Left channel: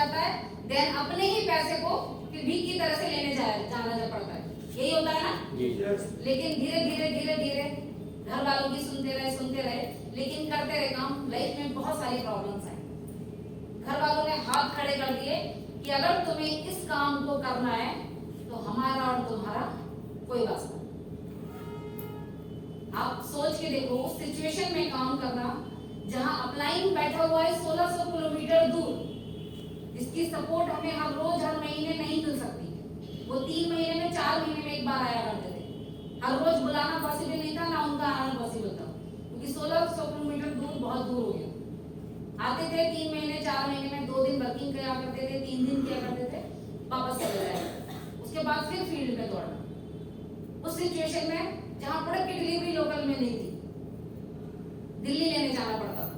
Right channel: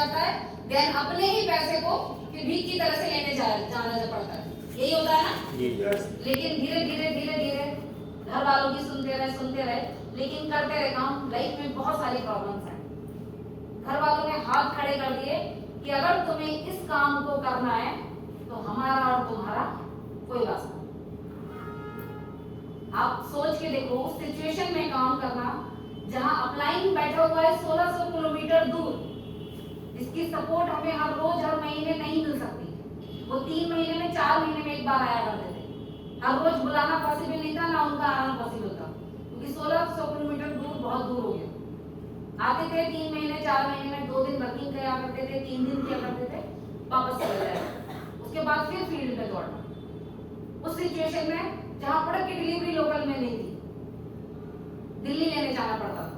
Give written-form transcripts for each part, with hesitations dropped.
जाता है, देन अपने ही पैसे को फिर भीख की तरह से लेने जाना जो पड़ता है। यही होता है ना। लेकिन धीरे धीरे घर वालों की सुनते रहे, लेकिन करते रहे काम। लाइफ में बहुत सारे प्रॉब्लम्स हैं। घर वालों ने हाथ खड़े कर दिए कि अगर तुम्हें इस काम को करना है तो हमारा और तुम्हारा कोई वास्ता नहीं। आप सोच के देखो उस सिचुएशन में काम करना जहां अपलाइन बैठा हुआ है 1600 किलोमीटर दूर, जिसकी सपोर्ट हमें हर रोज हर महीने नहीं मिल सकती। वो 3 महीने में 4 महीने में एक बार आया करते थे। हर रोज बुलाना पॉसिबल नहीं था, ना उनका आना पॉसिबल था, क्योंकि 1600 किलोमीटर दूर बहुत दूर हो गया। आते थे 3 महीने 4 महीने में 2 दिन वर्किंग किया करते थे, 3 दिन किया करते थे, वापस चले जाए। उसके बाद फिर फील्ड में दौड़ना। उस सिचुएशन में जहां प्रोडक्ट की डिलीवरी लोकल में नहीं थी, दिल्ली लेने जाना पड़ता था,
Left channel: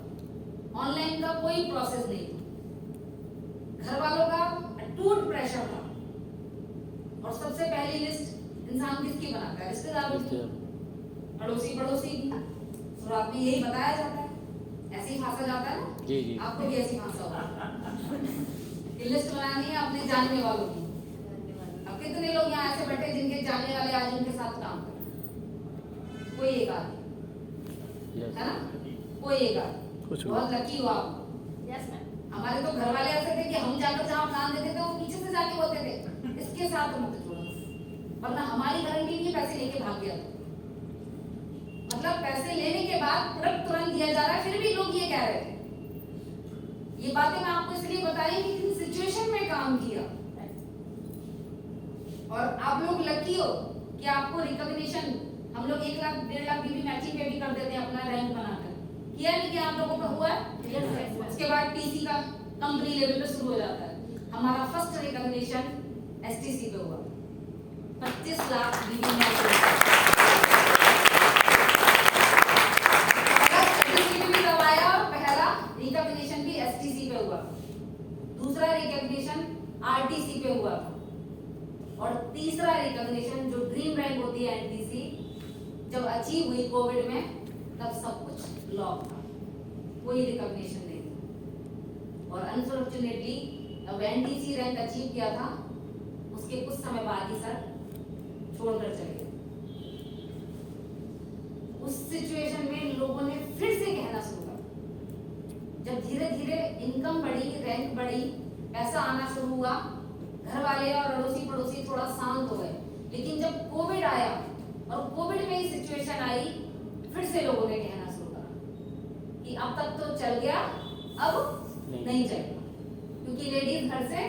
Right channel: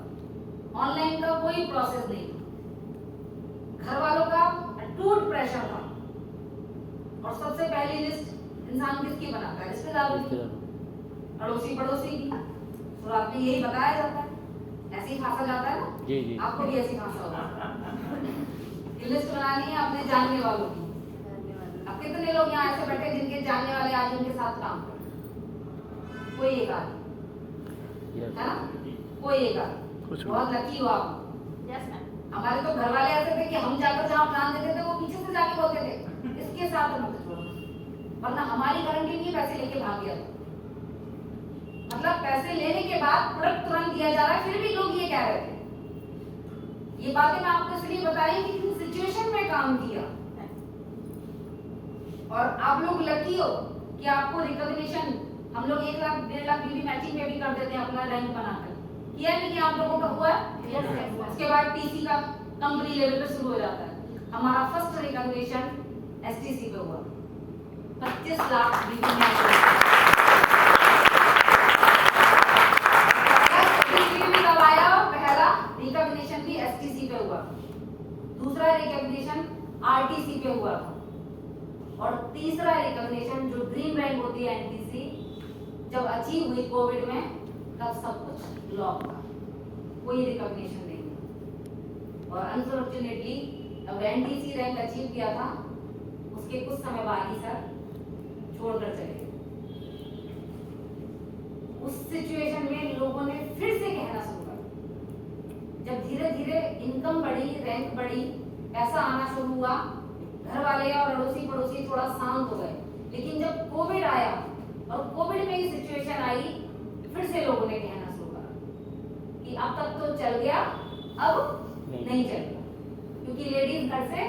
ऑनलाइन का कोई प्रोसेस नहीं था, घर वालों का अटूट प्रेशर था। और सबसे पहली लिस्ट इंसान किसकी बनाता है? रिश्तेदारों की, अड़ोसी पड़ोसी की। शुरुआत में यही बताया जाता है, ऐसे ही फांसा जाता है ना। जी। आपको भी ऐसी फांसा होगा। लिस्ट बनानी है अपने जानने वालों की। अब कितने लोग यहाँ ऐसे बैठे जिनके जानने वाले आज उनके साथ काम कर रहे हैं? कोई एक आदमी है ना, कोई एक आदमी। बहुत लकी हो आप। हमारे तो घर वाले ऐसे थे कि हम जाकर जहाँ प्लान देते थे वो पीछे से जाके बोलते थे इसके साथ मत जोड़ना, वरना हमारी गारंटी नहीं, पैसे लेके भाग गया था। मतलब पैसे लेने के बाद प्रोडक्ट तुरंत दिया जा रहा है, फिर भी लोग ये कह रहे थे। ये बातें मैं आपको इसलिए बताई कि किस सिचुएशन में काम किया। और आप लोग लकी हो कि आपको रिकॉग्निशन हम लोग 1 लाख 1.5 लाख बीबी मैचिंग पे भी कर देते हैं अपना रैंक बनाकर। किया नहीं कि आप लोगों का हुआ है? उसके बाद टीसी का कंपनी लेवल पे शुरू हो जाता है। हमारा फर्स्ट रिकॉग्निशन एसटीसी पे हुआ, 25 लाख बीबी मैचिंग। कब आया? पहला रिकॉग्निशन भी एसटीसी पे हुआ, दूसरा रिकॉग्निशन आरटीसी पे हुआ, और तीसरा रिकॉग्निशन जो ड्रीम रैंक होती है एनटीसी, जब अचीव हुई कोविड में, तब सब कुछ लॉक था, कोई रिकॉग्निशन नहीं था। और अनफॉर्चुनेटली अब एनटीसी रैंक अचीव किया था, उसके कुछ समय बाद ही सर छोड़कर चले गए। उस सिचुएशन में लोगों ने फिर से कहना शुरू कर, जब धीरे धीरे इनकम बढ़ी, रैंक बढ़ी, पैसा आना शुरू हुआ, घर वाले और अड़ोसी पड़ोसी थोड़ा शांत हो गए। लेकिन जब कोविड आया और कोविड में ही सिचुएशन आई, फिर से लोगों ने कहना शुरू करा कि अब तक तो चल गया, अब नहीं चलेगा, क्योंकि लेडीज घर से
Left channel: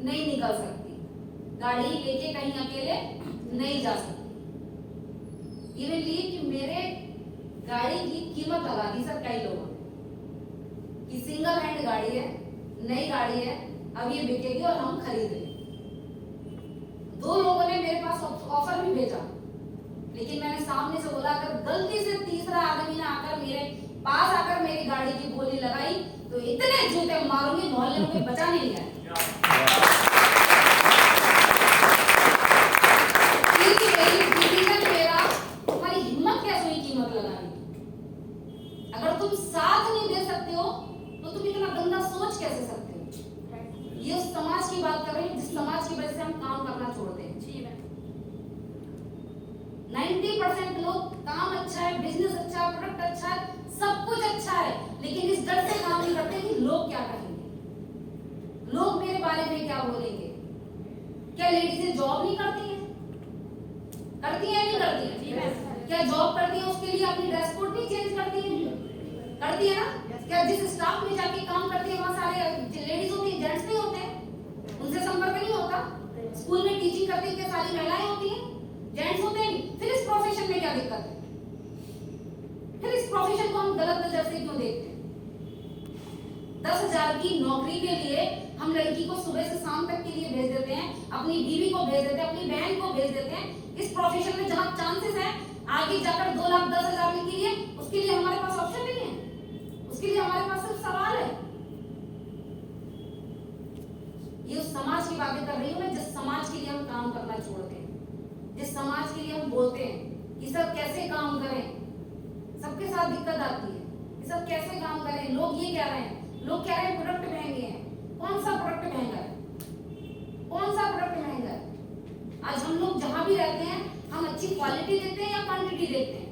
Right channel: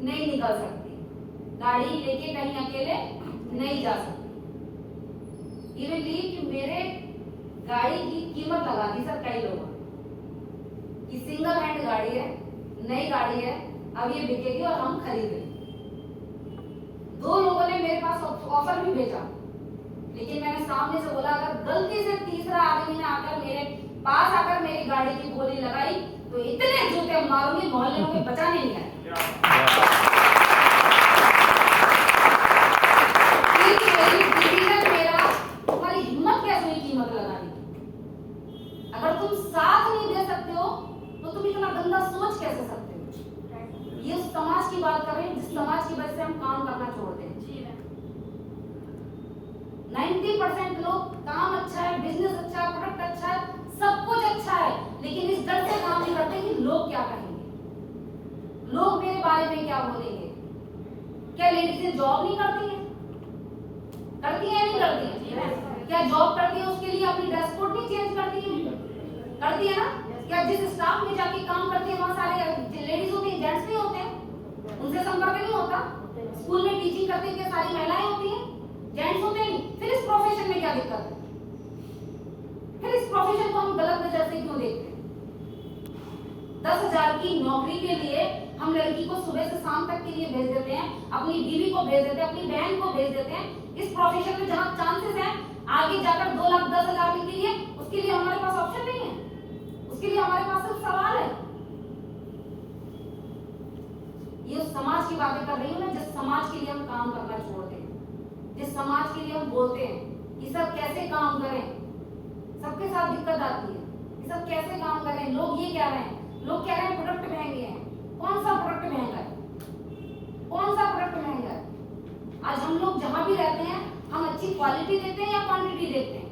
नहीं निकल सकती, गाड़ी लेके कहीं अकेले नहीं जा सकती। इवनली कि मेरे गाड़ी की कीमत लगा दी सर कई लोगों कि सिंगल हैंड गाड़ी है, नई गाड़ी है, अब ये बिकेगी और हम खरीदेंगे। 2 लोगों ने मेरे पास ऑफर भी भेजा, लेकिन मैंने सामने से बोला अगर गलती से तीसरा आदमी ने आकर मेरे पास आकर मेरी गाड़ी की बोली लगाई तो इतने जूते मारूंगी मोहल्ले में कोई बचाने नहीं आएगा। तुम्हारी हिम्मत कैसे हुई कीमत लगाने की? अगर तुम साथ नहीं दे सकते हो तो तुम इतना गंदा सोच कैसे सकते हो? ये उस समाज की बात कर रहे हैं जिस समाज की वजह से हम काम करना छोड़ दें। 90% लोग काम अच्छा है, बिजनेस अच्छा है, प्रोडक्ट अच्छा है, सब कुछ अच्छा है, लेकिन इस डर से काम नहीं करते कि लोग क्या कहेंगे, लोग मेरे बारे में क्या बोलेंगे। क्या लेडीज जॉब नहीं करती है? करती है नहीं करती है? क्या जॉब करती है उसके लिए अपनी ड्रेस कोड नहीं चेंज करती है? करती है ना? क्या जिस स्टाफ में जाके काम करती है वहां सारे लेडीज होती है, जेंट्स नहीं होते हैं, उनसे संपर्क नहीं होता? स्कूल में टीचिंग करती है, सारी महिलाएं होती हैं, जेंट्स होते हैं? फिर इस प्रोफेशन में क्या दिक्कत है? फिर इस प्रोफेशन को हम गलत नजर से क्यों देखते हैं? 10,000 की नौकरी के लिए हम लड़की को सुबह से शाम तक के लिए भेज देते हैं, अपनी बीवी को भेज देते हैं, अपनी बहन को भेज देते हैं। इस प्रोफेशन में जहां चांसेस है आगे जाकर 2,10,000 के लिए, उसके लिए हमारे पास ऑप्शन नहीं है, उसके लिए हमारे पास सिर्फ सवाल है। ये उस समाज की बातें कर रही हूँ मैं जिस समाज के लिए हम काम करना छोड़ते हैं, जिस समाज के लिए हम बोलते हैं कि सब कैसे काम करें, सबके साथ दिक्कत आती है, ये सब कैसे काम करें। लोग ये कह रहे हैं, लोग कह रहे हैं प्रोडक्ट महंगे हैं। कौन सा प्रोडक्ट महंगा अच्छी क्वालिटी देते हैं या क्वांटिटी देते हैं?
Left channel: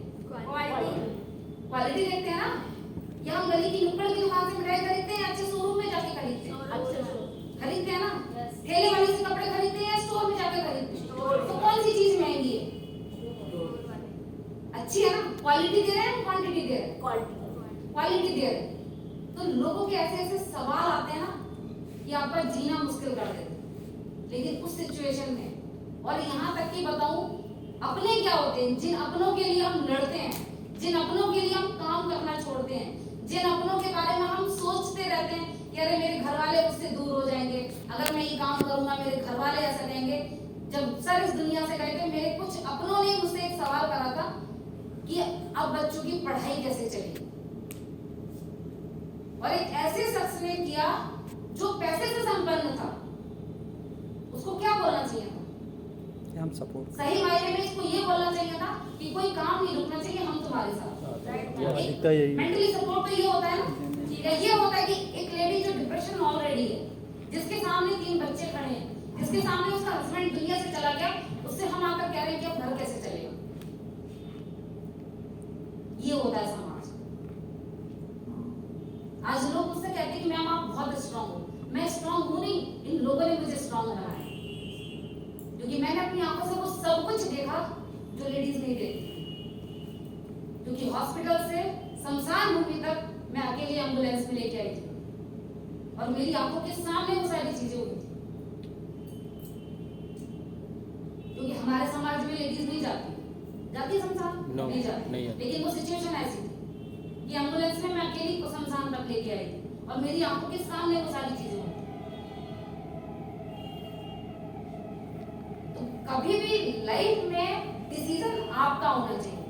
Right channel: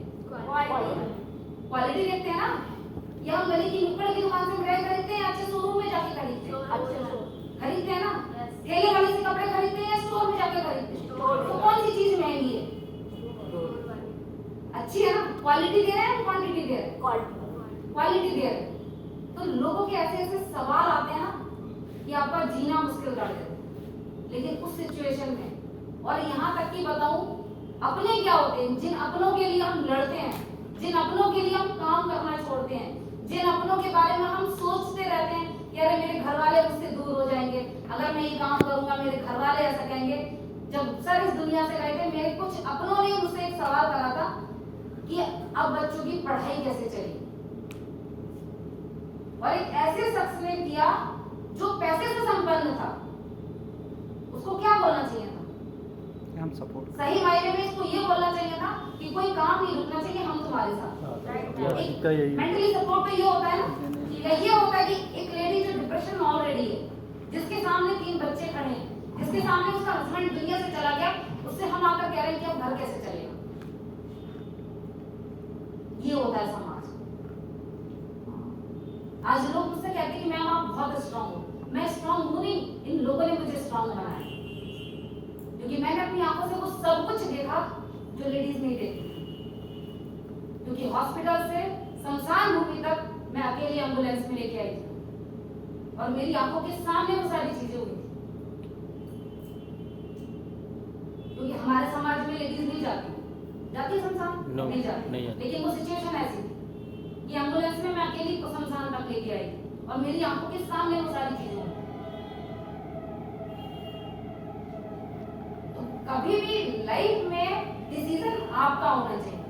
क्वालिटी देखते हैं ना। या हम गली की नुक्कड़ की दुकान से मिठाई खरीदते हैं, अच्छे शोरूम में जाके खरीदते हैं? खरीदते हैं ना। ठेले वाले से कपड़े खरीदते हैं या स्टोर में जाके खरीदते हैं? तो कौन सी चीज महंगी है? अच्छी है ना। क्वालिटी दे रहे हैं, क्वांटिटी दे रहे हैं? क्वालिटी दे रहे हैं। तो लोगों के ऐसे ऐसे सवाल आते हैं ना कि आपका जीना मुश्किल कर देते हैं। लेकिन उस सिचुएशन में, और यहाँ तक कि बताऊं, अपने क्या होते हैं, जिन अपनों के लिए हम लड़ते हैं, जिन अपनों के लिए हम काम करना छोड़ते हैं, जिन अपनों के बारे में हम सोचते रहते हैं कि अरे मेरे घर वाले मुझसे दूर हो जाएंगे, अगर मैं ये काम करूंगा मेरे घर वाले ऐसा कहेंगे। जब सर इस दुनिया से गए थे, मेरे कुछ अपनों ने मुझसे एक सवाल करा था कि अब बच्चों की पढ़ाई कैसे चलेगी। और एक ऐसे शख्स ने किया जो पैसे से संपन्न था, उसको क्या बोलना चाहिए था? हम सपोर्ट सही मायने में इसको ये बोलना चाहिए था कि कोई काम नहीं रुकना चाहिए, हम तुम्हारे साथ। मेंटली सपोर्ट तो ये होता है ना, या ये होता है कि एक लेडी जो डिप्रेशन में ऑलरेडी है, जिसके सामने 3 बच्चे खड़े हैं, जिसके सामने उसका हस्बैंड दुनिया से चला गया, उससे हम आकर कह रहे हैं कि अब घर कैसे चलेगा। ये होता है समाज। आज लोग मुझसे कहते हैं कि मैम आप बहुत स्ट्रांग हो। मैं स्ट्रांग हूं नहीं, इन लोगों ने मुझे स्ट्रांग बनाया, क्योंकि मैंने अपनी आंखों से वो सब कुछ देखा जो लेडीज नहीं देखती। क्योंकि हॉस्पिटल से शमशान भूमि तक मैं अकेली एम्बुलेंस में लेके आई थी, और मेरी आंखों के सामने वो सारी चीजें हुई थी। क्योंकि हमारे समाज में लेडीज नहीं जाती शमशान, नहीं जाती। लेकिन वो सिचुएशन ऐसी थी कि एम्बुलेंस में मैं अकेली शमशान तक लेके आई थी, और मेरी आंखों के सामने वो सारी चीजें हुई। कभी भी लाइफ में डिसीजन आपका होना चाहिए।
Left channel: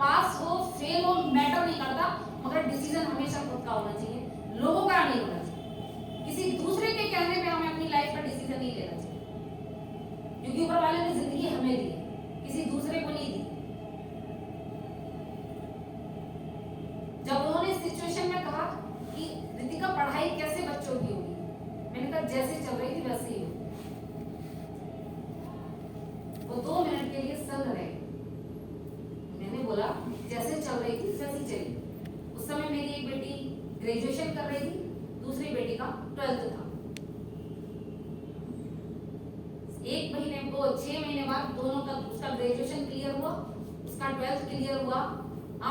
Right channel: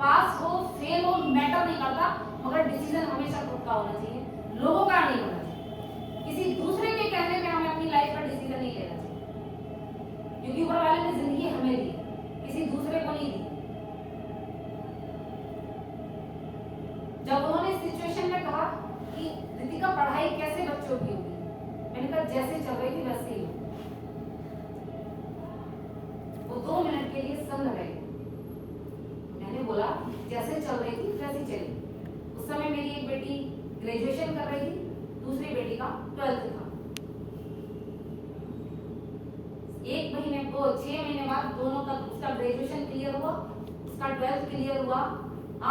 पास हो फेल हो मैटर नहीं करता, मगर डिसीजन हमेशा खुद का होना चाहिए, लोगों का नहीं होना चाहिए। किसी दूसरे के कहने पे हमें अपनी लाइफ का डिसीजन नहीं लेना चाहिए, क्योंकि ऊपर वाले ने जिंदगी हमें दी, किसी दूसरे को नहीं दी। जब उन्होंने इस सिचुएशन में कहा कि रितिका पढ़ाई कैसे बच्चों की होगी, मैंने कहा जैसे चल रही थी वैसे ही हो। वो 2 मिनट के लिए संग रहे। मैंने बोला जैसे चल रही थी वैसे चली। उस समय मेरी एक बेटी ग्रेजुएशन कर रही थी, दूसरी बेटी का 12th था। 6 महीने बाद दोनों का, उसका ग्रेजुएशन क्लियर हुआ, उसका 12th क्लियर हुआ।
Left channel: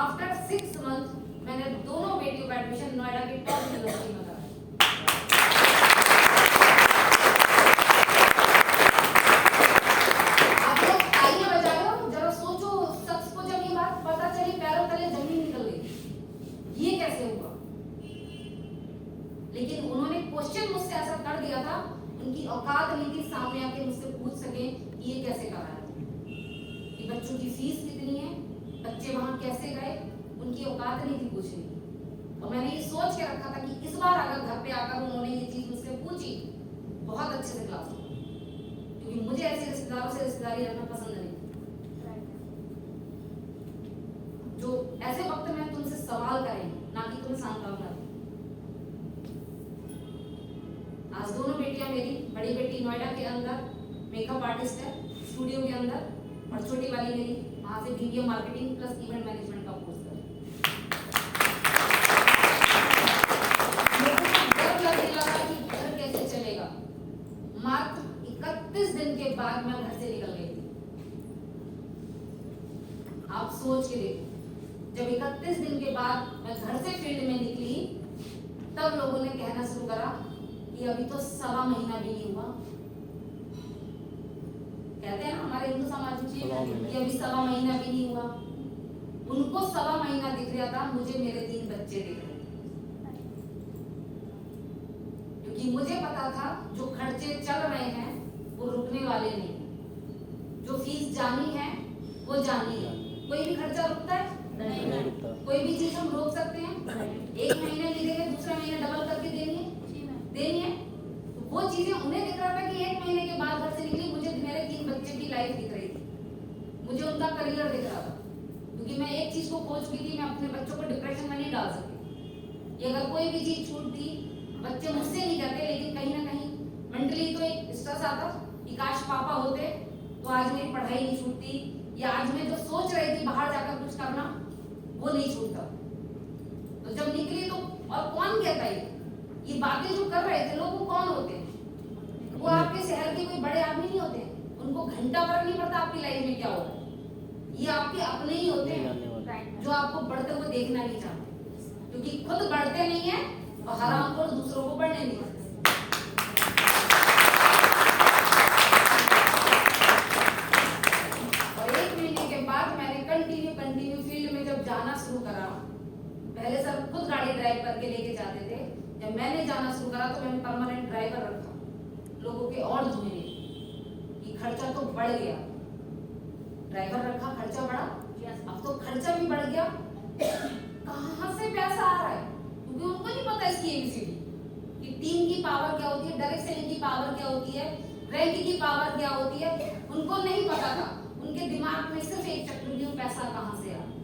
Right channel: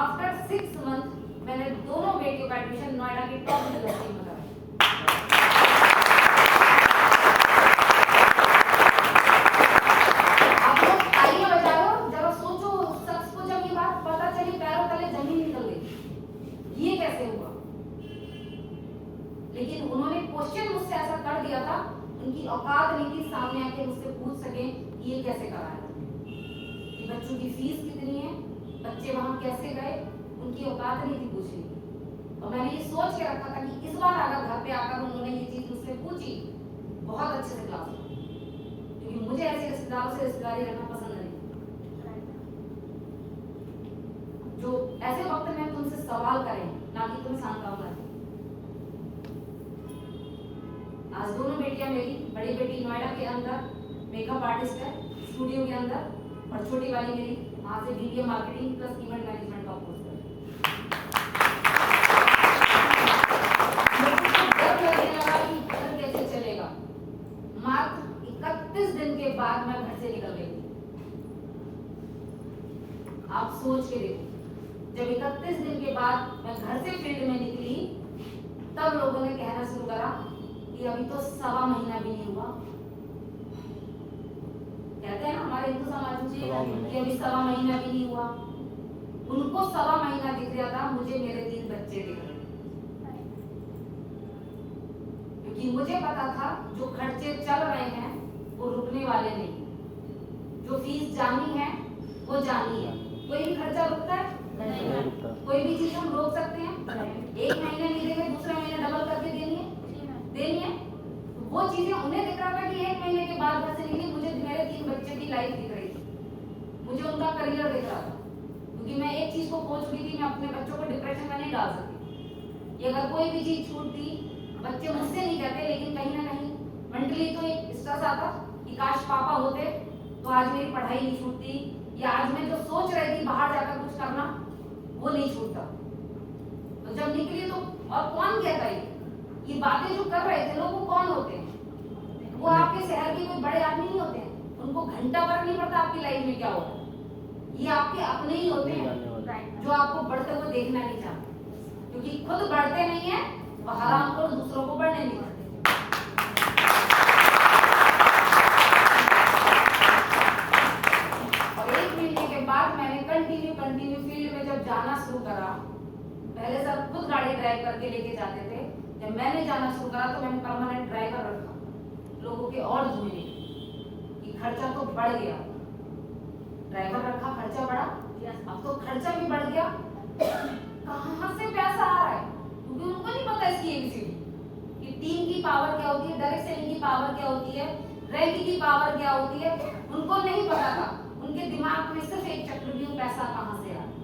आफ्टर 6 मंथ मैंने दोनों बेटियों का एडमिशन नोएडा की टॉप यूनिवर्सिटी में कराया। लेकिन उन्होंने क्वेश्चन मुझसे ऐसा कर दिया था, उनकी औकात नहीं थी सामने आके मुझसे पूछ सके कि ये कैसे कराया, कि बच्चों की फीस कितनी है, बच्चे वहां कैसे गए, उनकी औकात नहीं थी पूछने की। और मैंने ये सोच के रखा था कि इस बार अगर घर पे आकर उन्होंने ये चीज मुझसे पूछी, बहुत अच्छे से क्लास लो, क्योंकि मुझे ऐसे रिश्तेदारों से रिश्तेदारी रखना पसंद नहीं। जो ऐसे वक्त में तुमसे सवाल करें, ना कि तुम्हें सांत्वना दें। आज दोनों बेटियां मेरी, बड़ी बेटी नोएडा के अंदर मेकअप आर्टिस्ट है स्टूडियो के अंदर, और छोटी वाली मेरी वहां से video marketing plus event management का कोर्स कर रही है। डर लगने लगा कि घर कैसे चलेगा। मात्र 31 दिन के बाद मैं घर से निकल गई। आप सोच के देखो, जब 31 दिन के बाद मैं घर से फील्ड में निकली, तब लोगों ने कहना शुरू करा कि अभी तो 1.25 महीना भी नहीं हुआ। कहते हैं ना हमारे हिंदू समाज में कि अभी 1.25 महीना भी नहीं हुआ। उनको 1.25 महीना दिख रहा था, मुझे मेरे 3 बच्चे दिख रहे थे। क्योंकि मुझे पता था जो खर्चे चल रहे हैं वो रुकने वाले नहीं, जो फीस जानी है वो जानी है। कोई भी खर्चा रुकता है? नहीं रुकता। कोई भी चीज हम रोक सकते हैं? एक महीने नहीं देंगे, दूसरे महीने डबल करके देनी है। तो वो चीजें उन्हें दिख रहा था कि 1 महीने के बाद घर से निकली, मुझे मेरे 3 बच्चे की लाइफ दिख रही थी, मुझे उनका करियर दिख रहा था। क्योंकि मैं एक चीज को खोज चुकी थी, मैं अपने बच्चों को डिप्रेशन में नहीं डाल सकती। ये अगर कोई भी चीज छूटती, बच्चे मुझसे नहीं कहते, लेकिन कहीं ना कहीं मेंटली तो एक स्ट्रेस आता कि काश पापा होते तो आज मेरी पढ़ाई नहीं छूटती, या आज मैं जो सोच रही थी बाहर जाकर कुछ करना, वो नहीं छूटता। तो जब निकली तो, और कौन कहता ये बातें जो कर रहे थे लोग, वो कौन होते हैं? वो आपके शहर के कोई बड़े आदमी नहीं होते हैं, उनको घंटा फर्क नहीं पड़ता आपकी लाइफ में क्या हो रहा है। ये आपके अपने ही होते हैं जो आपको बढ़ते हुए देखना नहीं चाहते, क्योंकि खुद बढ़ते नहीं है और हराम को दूसरों को बढ़ने नहीं देते। और 1 महीने के बाद मैंने कंटिन्यू फील्ड में जब जाना शुरू करा, पहले सर खुद गाड़ी ड्राइव करके लेके जाते थे, जब मैंने जाना शुरू करा तो मैंने परमानेंट ड्राइवर रखा, लोगों के और धुएं कि खर्चा तो बढ़ गया, ड्राइवर रखा, खर्चा बढ़ा, अब तो खर्चा भी बढ़ गया, कहां से पैसा आ रहा है? क्योंकि उनको नहीं पता इसकी एबीसीडी कि टीम की पावर क्या होती है, डायरेक्ट सेलिंग की पावर क्या होती है, रैंक की पावर क्या होती है, उनको नहीं पता था। उनके दिमाग में सिर्फ एक चक्रव्यूह, पैसा कहां से आ रहा है।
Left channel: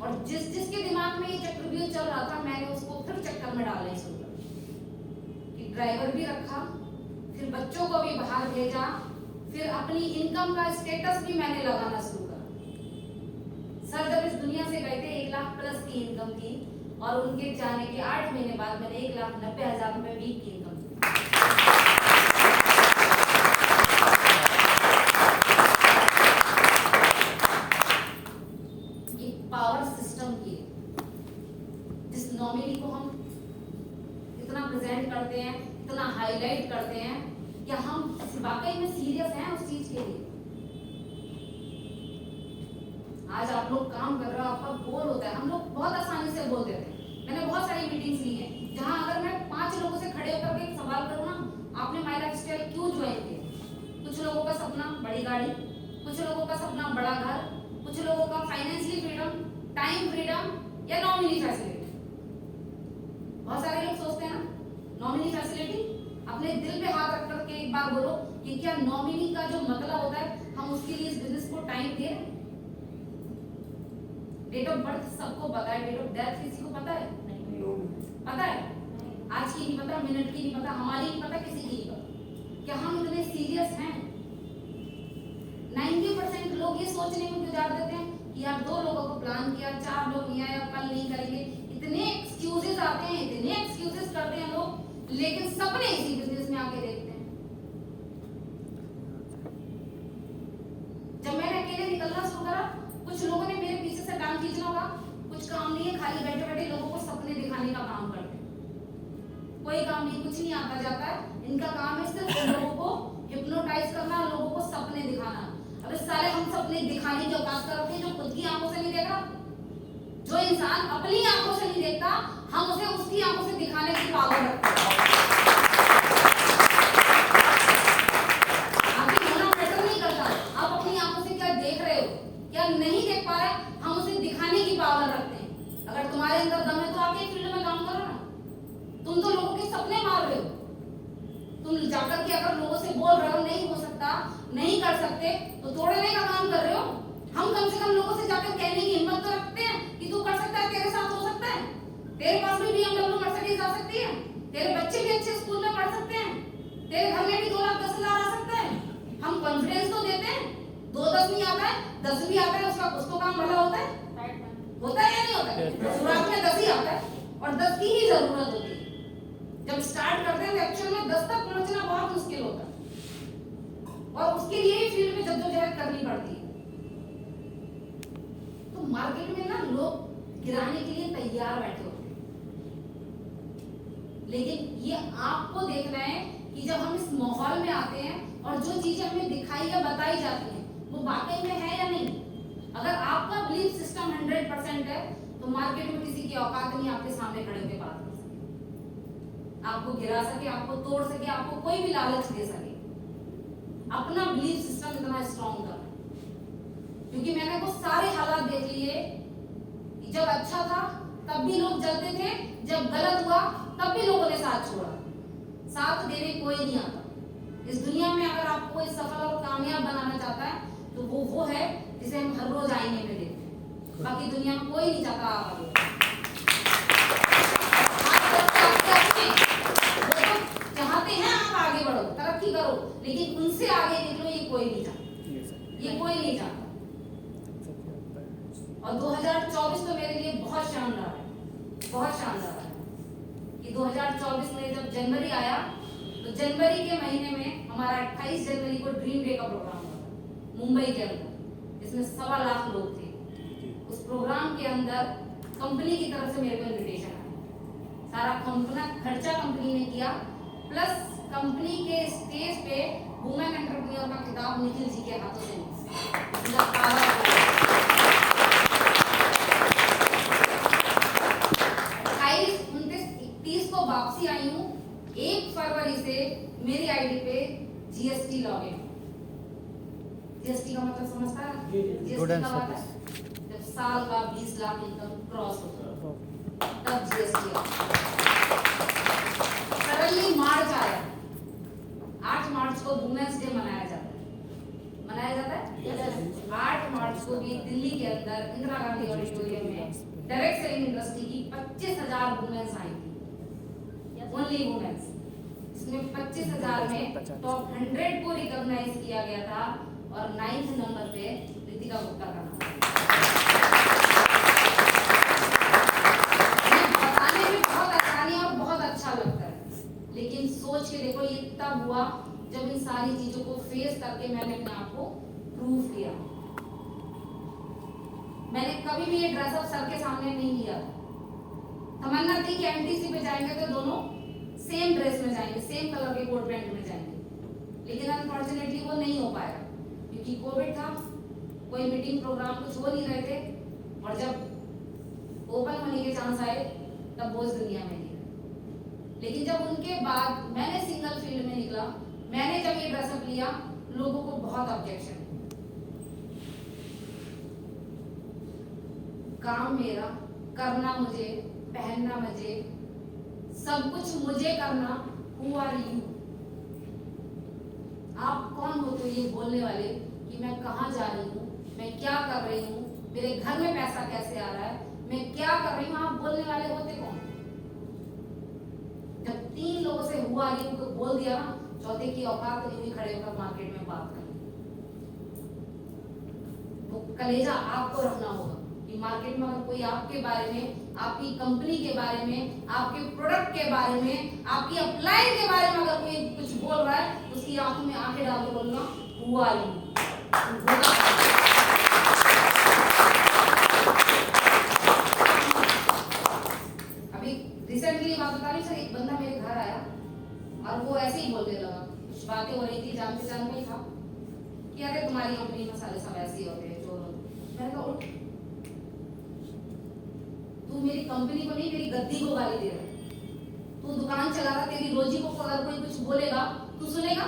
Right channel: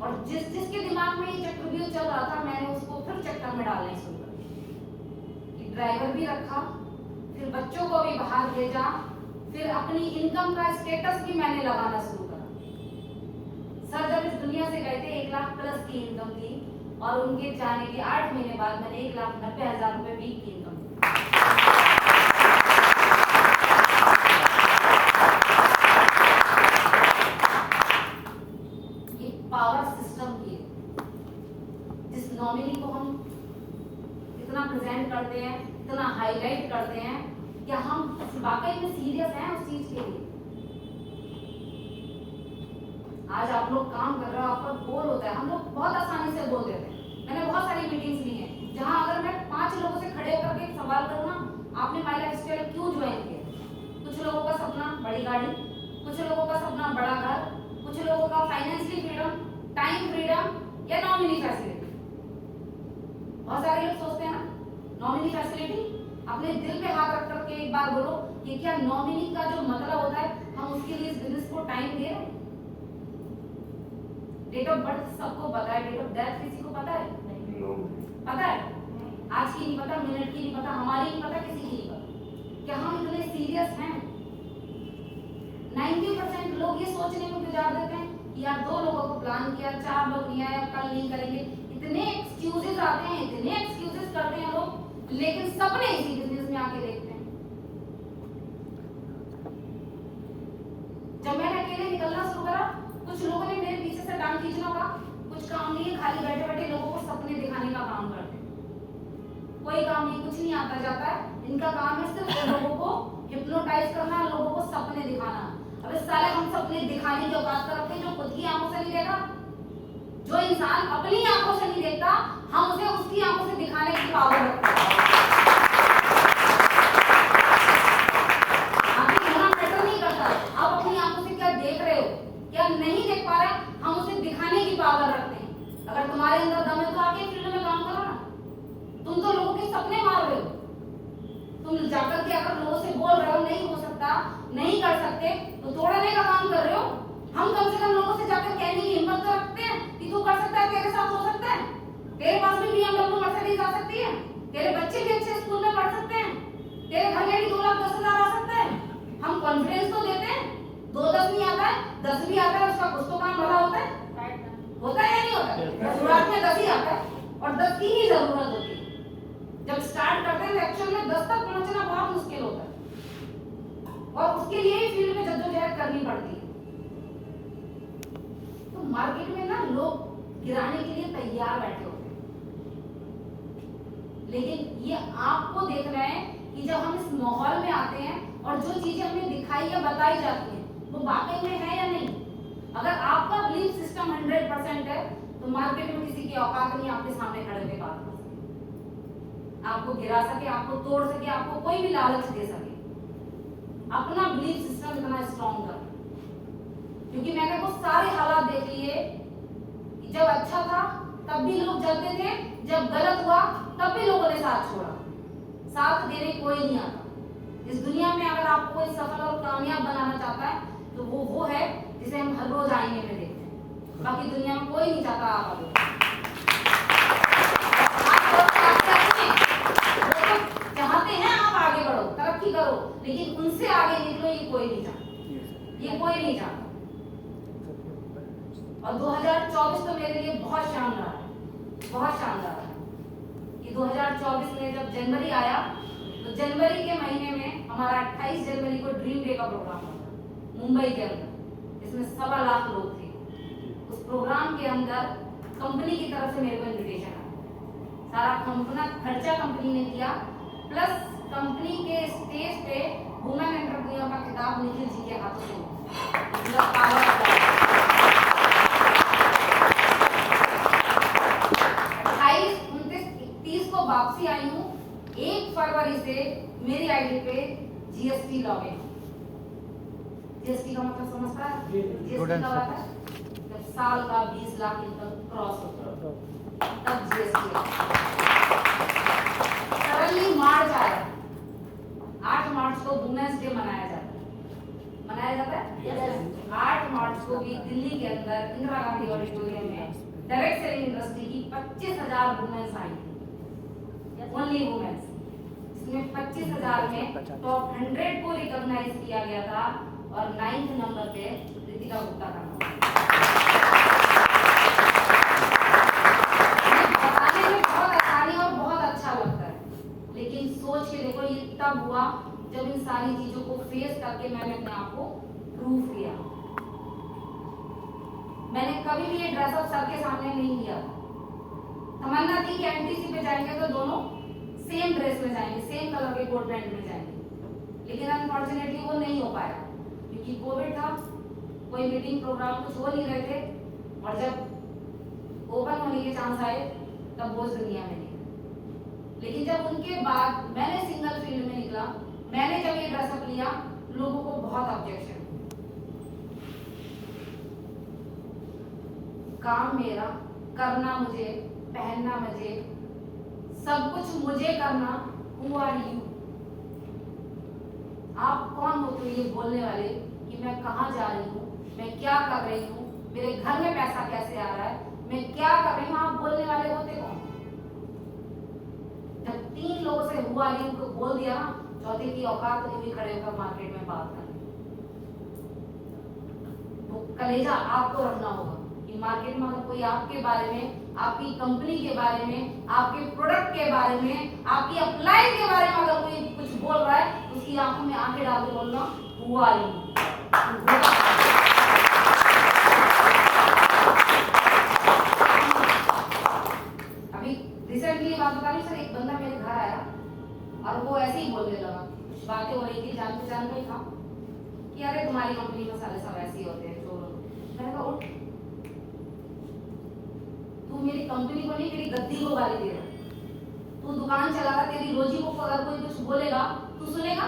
और जिसके दिमाग में ये चक्रव्यूह चल रहा था, मैंने उसको फिर चक्कर में डालने शुरू कर दिया। ड्राइवर भी रखा, फिर बच्चों को भी बाहर भेजा, फिर अपनी इनकम का स्टेटस भी मैंने लगाना शुरू करा। सर जब इस दुनिया से गए थे 1 लाख प्लस की इनकम की, और उनके जाने के 8 महीने बाद मैंने 1,90,000 रुपए वीक की इनकम की। ये पावर सिस्टम की, जिस नॉमिनी को हम इतना प्रेजेंट करते हैं, इतना हाईलाइट करते हैं, क्या हम वाकई में सीरियस हैं उस चीज के लिए? आज आप लोग काम कर रहे हो, आपका गोल होता है, हम लोग बहुत आसानी से बोल देते हैं। मैंने बहुत सारी मीटिंग्स ली हैं जहां अगर मैं 5 लोगों से खड़े होकर के एक सवाल करूं ना, आपने माय लाइफस्टाइल क्यों ज्वाइन किया? कुछ लोगों का सपना बड़ी गाड़ी, कुछ लोगों का सपना बड़ा घर, कुछ लोगों का फाइनेंशियल फ्रीडम, टाइम फ्रीडम या नॉमिनी फैसिलिटी। बहुत सारे लोग सोचते हैं ना नॉमिनी फैसिलिटी। अपने दिल पे हाथ रख करके एक बार बोलो कि क्या नॉमिनी का जो मतलब होता है, हम उसके लिए इस बिजनेस को टाइम दे रहे हैं? डेट ऑफ बर्थ सबको पता है, डेट ऑफ डेथ किसी को पता है? पता है? आज की नहीं पता, मिनट की नहीं पता, हमारी नहीं पता, किसी की नहीं पता। क्या हम इतने सीरियस हैं? 90% लोग ये सोचने में गुजार देते हैं कि यार 2 लोगों को प्लान किया, 4 लोग नहीं आए, कल नहीं करेंगे। इतने एक्सक्यूजेस आते हैं, इतने एक्सक्यूजेस करते हैं लोग, लेकिन सपने इसी बिजनेस में आके देखते हैं। जब मैंने अकेले निकलना शुरू करा, कुछ लोगों ने मेरे पीछे से टांग खींचना होगा, कुछ काम नहीं है, खाली बैठे बैठे लोगों को सपने दिखाने का काम करते हैं। कोई काम नहीं, कुछ नहीं आता जाता है, इनका काम है सिर्फ लोगों को हिप्नोटाइज करना, लोगों को सपने दिखाना। अबे साले, हम सपने दिखाने की औकात कर रखते हैं जो खुद की आंखों से नहीं देख रहा। जो इंसान अपनी आंखों से नहीं देखता, हम उसे उसकी आंखों से दिखाने की पावर रखते हैं। आगे होना मैटर नहीं करता, आप अपनी आंखों से क्या देख रहे हो, क्या नहीं देख पा रहे, हम उसे दिखाने की पावर रखते हैं। अगर तुम्हारे अंदर दम है तो आके फील्ड में काम करो ना। तुम तो लोगों के सपने मार रहे हो। तुम जाकर के अगर लोगों से बोल रहे हो नहीं हो सकता, नहीं कर सकते, तो तोड़ने का काम कर रहे हो। हम कम से कम लोगों से जाकर कहने की हिम्मत तो रखते हैं कि तू कर सकता है, तेरे साथ हो सकता है, तेरे पास भी BMW मर्सिडीज आ सकती है, तेरे बच्चे भी अच्छे स्कूल में पढ़ सकते हैं, तेरे घर में भी 2,10,000 आ सकता है। हम कॉन्फिडेंस तो देते हैं। 2-10 नहीं आता है, 10 भी आता है, उसका कुछ तो काम भला होता है या नहीं होता है? शुरुआत में 10 ही आता है और 10 की ही जरूरत होती है। जब स्टार्ट करते हैं तो एक्चुअल में 10 तक पहुंचना बहुत मुश्किल होता है, और उसके लिए ही फील्ड में जद्दोजहद करनी पड़ती है। तो मार्केट में ना लोग गिराने के लिए तैयार बैठे होते हैं, लेकिन ये आपको देखना है कि जब हम इस माहौल में आते हैं और जो चीजें हमें दिखाई या बताई जाती हैं वो वाकई में है या नहीं। अगर आपका बिलीफ सिस्टम 100% है तो मार्केट में किसी की औकात नहीं आपके सामने खड़े होकर बात कर सके, आपको गिरा सके, आपको तोड़ सके, आपको कोई भी लालच दे सके। अपना बिलीफ सिस्टम इतना स्ट्रॉन्ग कर, क्योंकि मैंने वो सारे हालात देख लिए कि जब अच्छा था तब भी लोग जलते थे, जब गलत हुआ तब भी लोगों ने साथ छोड़ा। साथ देने कोई नहीं आता इस दुनिया में। अगर आपको कोई सफल और कामयाब बनाना चाहता है तो वो है जिसे हम हर रोज आईने में देखते हैं। बाकी दुनिया में कोई नहीं चाहता आप आगे। चाहते हैं आप आगे बढ़ो, तरक्की करो, लेकिन उनसे आगे निकलो ये कोई नहीं चाहता। कोई नहीं चाहता। और 2024 तो मेरे लिए बहुत शानदार है, बहुत शानदार है कि 2024 में जब जनवरी आया तो जनवरी के महीने में हमारा 28 जनवरी को ड्रीम डे का प्रोग्राम हुआ था मुंबई के अंदर, जिसमें 1.25 लाख लोग थे। उस प्रोग्राम के अंदर कंपनी की तरफ से मेरे को इन्विटेशन आया, सारा कंपना खर्चा कंपनी ने किया, प्लस कंपनी के स्टेज पे वुमेन एंटरप्रेन्योर का खिताब निखिल जी के हाथों से उनका पावर 28, 29, 31 को वापसी आई हूँ। 1 फरवरी से मेरी आईडी पे जीएसटी लॉगिन। जीएसटी का मतलब समझता है? जीएसटी का मतलब जब साल का 20 लाख इनकम क्रॉस होता है तब जीएसटी सडनली मार्च आया। 8 मार्च को वुमेन्स डे मनाया जाता है। 8 मार्च को भी दिल्ली के अंदर इंदिरा गांधी ऑडिटोरियम में डायरेक्ट सेलिंग इंडस्ट्री की 25,000 वुमेन्स आई थी, ओनली वुमेन्स। इसमें 25,000 में टॉप 100 को रिकॉग्नाइज किया गया था और 9th नंबर पे रितिका गुप्ता का नाम। बताने में बहुत आसानी और बहुत अच्छा लगता है, लेकिन सोच के देखो ये तब हुआ जब इन सारी चीजों को फेस करके मैंने अपने आप को प्रूव किया। मैंने कभी भी ये ड्रेसअप सर के सामने नहीं किया। तमन्ना थी कि एमटीसी पे जाएंगे तो दोनों सेम ड्रेस में जाएंगे, सेम कलर के कोट पैंट में जाएंगे, लेकिन अनफॉर्चुनेटली वो नहीं हो पाया क्योंकि कोविड था, कोई मीटिंग प्रोग्राम कुछ हो नहीं रहे थे, और जब ओपन होने के चांस आए तब वो इस दुनिया में नहीं। लेकिन जब उनके बाद मैंने सिंगल फील्ड में निकला, मैंने जब ये ड्रेसअप लिया, लोगों को बहुत ऑब्जेक्शन। काम मेरा, करना मुझे, पहनना मुझे, सब कुछ मुझे करना। Who are you? आप कौन होते हो ये बोलने वाले कि मैं कहाँ जा रही हूँ, मैं क्या कर रही हूँ, मेरे घर में पैसा कैसे आ रहा है, मैं क्या कर रही हूँ, आप बोलने वाले होते कौन? जब 3 लोगों से Who are you को बोल दिया ना, चौथे की औकात नहीं हुई खड़े होकर मार्केट में बात करनी। वो कलेजा आपको रखना होगा कि मार्केट में अगर कोई आपके बारे में, आपकी कंपनी के बारे में, आपके प्रोडक्ट के बारे में, आपकी अपलाइन के बारे में अगर कोई कुछ बोल रहा है, उसकी आंखों में आंखें डाल के बोलना हुआ नहीं। अभी रिसेंटली बात बता रही सर, एक बंदा मेरे घर आया और वो ऐसे ही बोलने लगा, कुछ बातें हो रही थी, जान पहचान में था कि अरे तुम्हारी कंपनी में साले सब ऐसे ही होते हैं। जो मैंने कहा उठ, तू मेरी कंपनी को नहीं मेरी गद्दी को गाली दे रहा, तू दुकान चला रहा, तेरी रोजी को अगर कोई कुछ बोलेगा तू सुनेगा?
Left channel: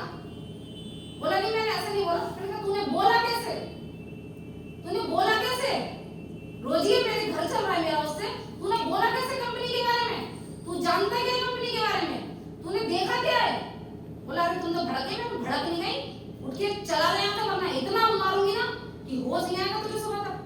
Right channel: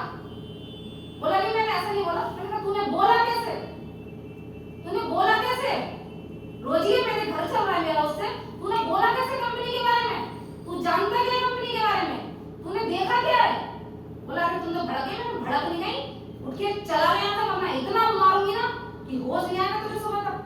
बोला नहीं, मैंने ऐसा नहीं बोला। मैंने कहा तूने बोला कैसे, तूने बोला कैसे? रोजी है, मेरे घर चल रहा है मेरा उससे, तूने बोला कैसे कंपनी के बारे में? तू जानता क्या कंपनी के बारे में? तूने देखा क्या है? बोला अरे तुम तो भड़के ना, भड़क नहीं गई, उठ के चला गया था, वरना इतना मारूंगी ना कि होश नहीं आएगा तुझे सुबह तक।